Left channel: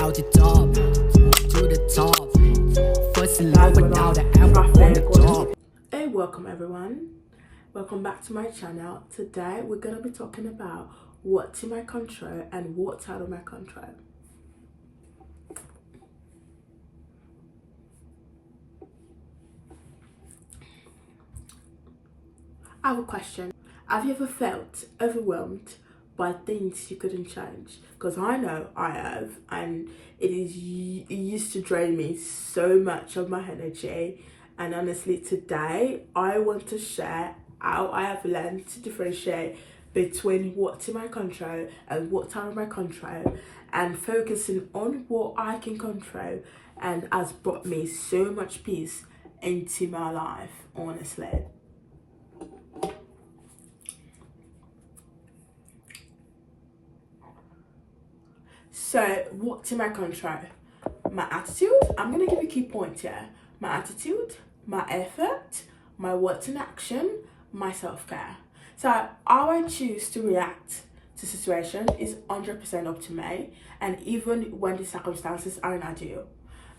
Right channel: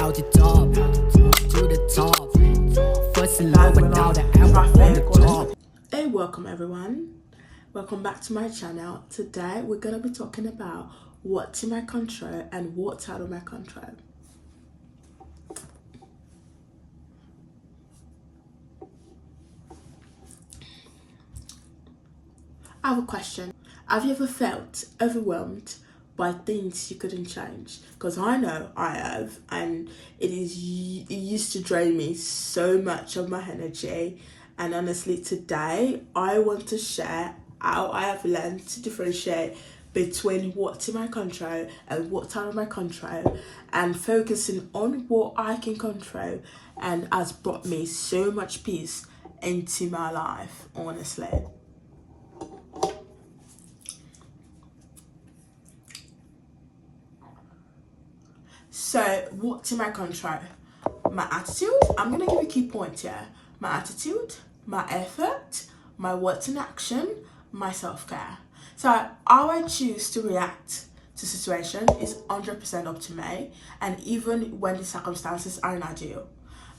out the top, to the top. First in love without the apple on the top. Hey, welcome everyone. Welcome back to my channel. Today we're gonna be talking about what's in my control and what's out of my control. I have a question. Have you ever felt overwhelmed by things you couldn't change? Because I know I have, and it used to drain me so much of my energy. And honestly, today I want to share how I have learned to differentiate between what's in my control and what's out of my control, and focusing on what I can control, and has brought me so much peace into my life, honestly. So, what's in my control? My attitude. I'm gonna give you key points here. My attitude, my effort, my words in action, my self-care. So, how I choose to react to situation is 100% up to me, and even when the circumstances aren't ideal.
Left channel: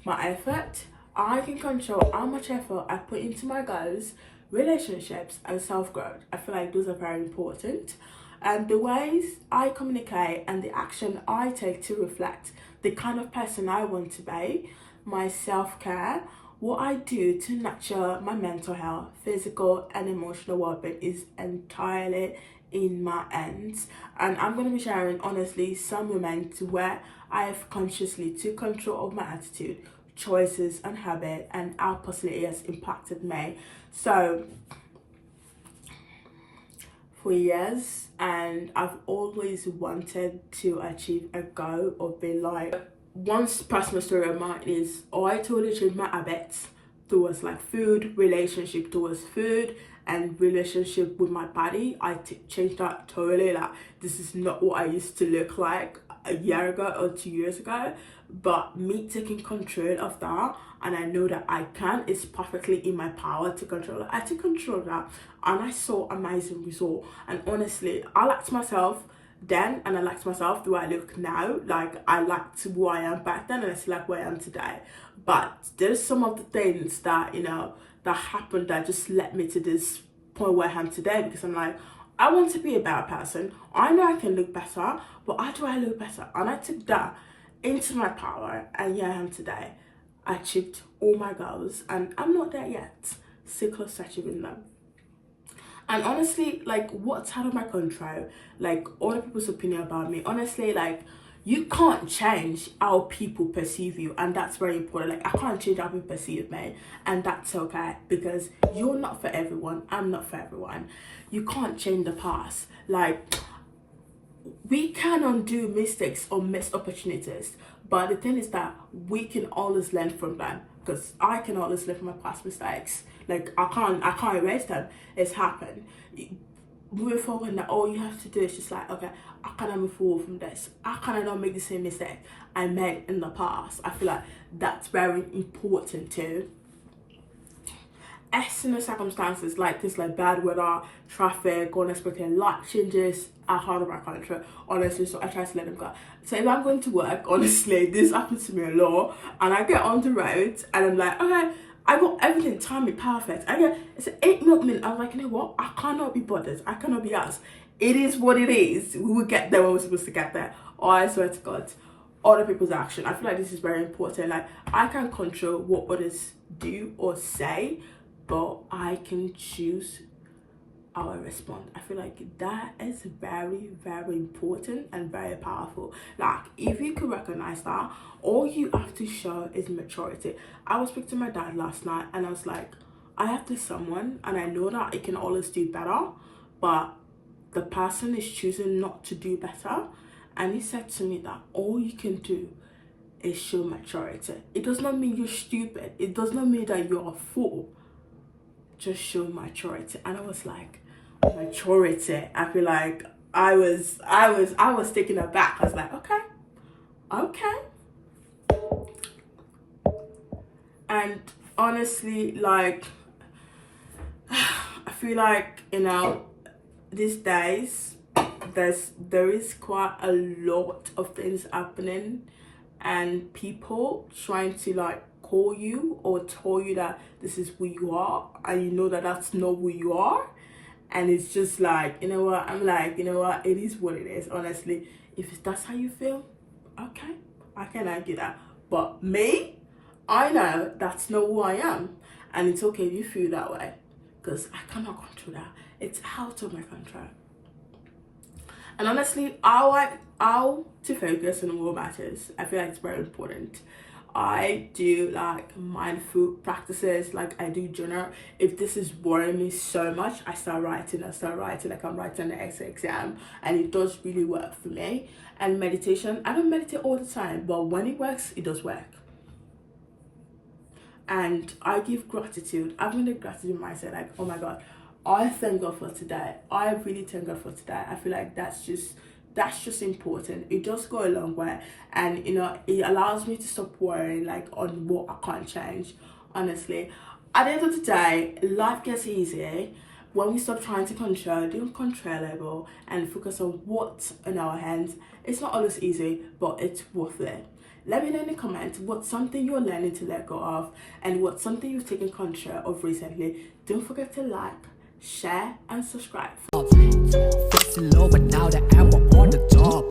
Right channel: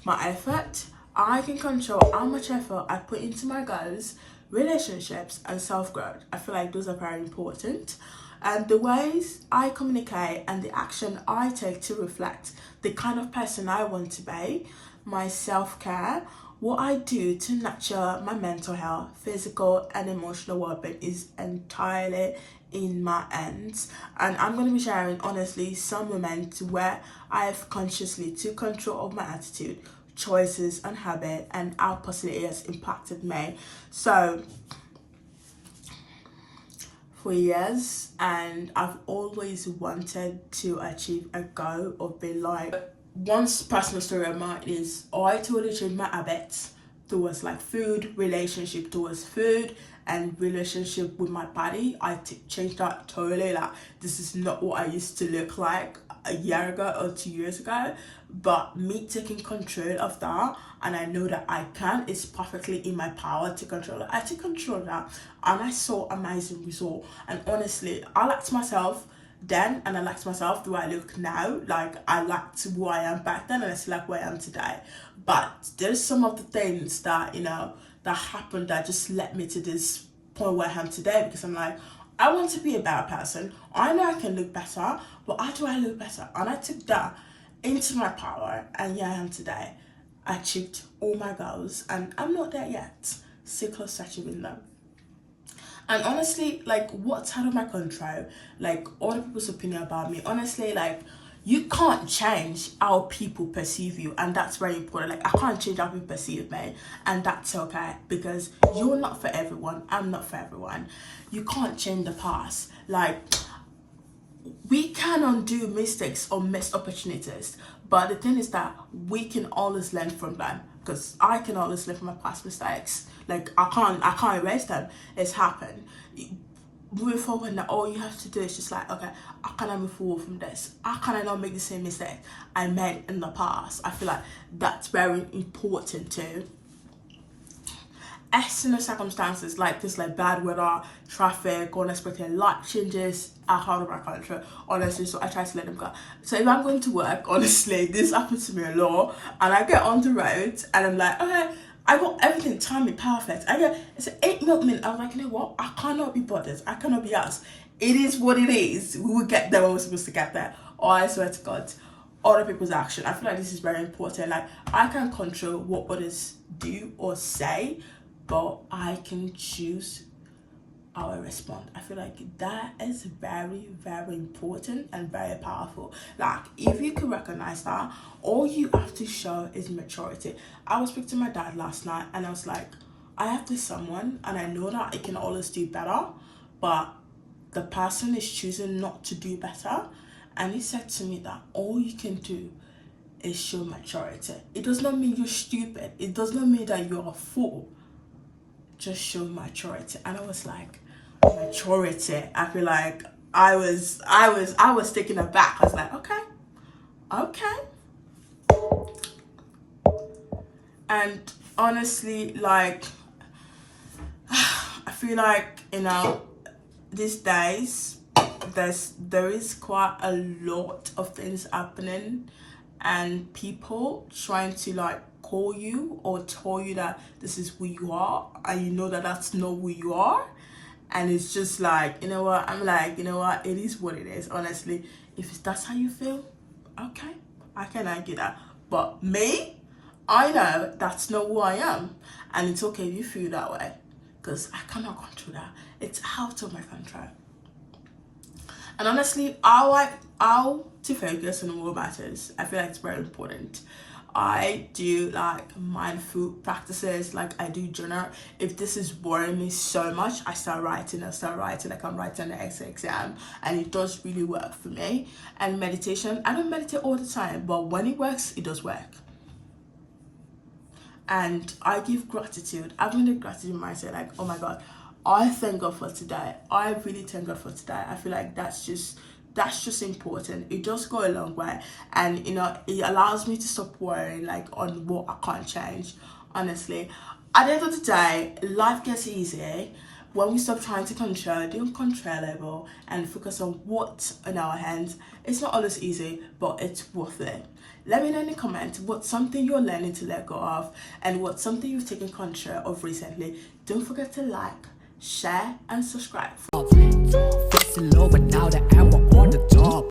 My effort, I can control how much effort I put into my goals, relationships, and self-growth. I feel like those are very important. And the ways I communicate and the action I take to reflect the kind of person I want to be. My self-care, what I do to nurture my mental health, physical and emotional well-being is entirely in my hands. And I'm going to be sharing honestly some moments where I have consciously took control of my attitude, choices and habit, and how positively it has impacted me. So for years, and I've always wanted to achieve a goal of being like, one personal story of mine is I totally changed my habits towards like food, relationship towards food, and relationship with my body. I changed that totally. Like, this is not what I used to look like a year ago or 2 years ago, but me taking control of that, and I know that I can, it's perfectly in my power to control it. I took control of that, and I saw amazing result. And honestly, I liked myself then, and I liked myself the way I look now. Like, I liked who I am back then, and I still like where I am today. But there's some of the things that, you know, that happened that just led me to this point where I am today, because I'm like, I want to be a better person. I know I can look better, but how do I look better? And I took that into my power, and here I am today. I achieved all my goals, and I'm not there yet. Still close to achieving them. And honestly, like, what's out of my control, like other people's opinion about me, honestly, like, you can't change how people perceive you, and that's very important. Like, I can't change how people perceive me, and that's okay, because you're not for everyone, I'm not for everyone. You can't change the past. Like, we can undo mistakes or missed opportunities, but the thing is that we can always learn from them, because I can always learn from my past mistakes. Like, I can't erase them. It's happened. Moving forward now, all you have to do is just like, okay, how can I move forward from this? How can I not make the same mistake I made in the past? I feel like that's very important too. External circumstances like this, like bad weather, traffic, unexpected life changes are out of my control, honestly, so I try to let them go. So if I'm going to work, honestly, this happens to me a lot, and I get on the road and I'm like, okay, I got everything timing perfect. It's an 8 minute. I'm like, you know what? I cannot be bothered. I cannot be asked. It is what it is. We will get there when we're supposed to get there. Oh, I swear to God. Other people's action. I feel like this is very important. Like, I can't control what others do or say, but I can choose how I respond. I feel like that is very, very important and very powerful. Like, if you can recognize that, all you have to show is maturity. I was speaking to my dad last night, and I was like, I have this someone, and I know that it can always do better, but the person is choosing not to do better. And he said to me that all you can do is show maturity. It does not mean you're stupid. It does not mean that you're a fool. Just show maturity. And I was like, maturity. I feel like I was taken aback. I was like, okay. And honestly, like, I feel like, you know, these days there is quite a lot of things happening, and people trying to like call you or tell you that this is who you are, and you know that that's not who you are. And it's just like, you know what, I'm like, you know what, it is what it is. Honestly, if that's how you feel, okay, I can argue that. But me, I know that's not who I am, and it's okay if you feel that way, because I cannot control that. It's out of my control. And honestly, how to focus on what matters, I feel like it's very important. I do like mindful practices, like I do journal. If this is worrying me so much, I start writing like I'm writing the exam, and it does really work for me. And meditation, I don't meditate all the time, but when it works, it does work. And I give gratitude. I've been a gratitude mindset, like, oh my God, I thank God for today. I really thank God for today. I feel like that's just important. It does go a long way, and you know, it allows me to stop worrying like on what I can't change. Honestly, at the end of the day, life gets easier when we stop trying to control the uncontrollable and focus on what's in our hands. It's not always easy, but it's worth it. Let me know in the comments what's something you're learning to let go of, and what's something you've taken control of recently. Don't forget to like, share, and subscribe. First low, but now that I'm on the top.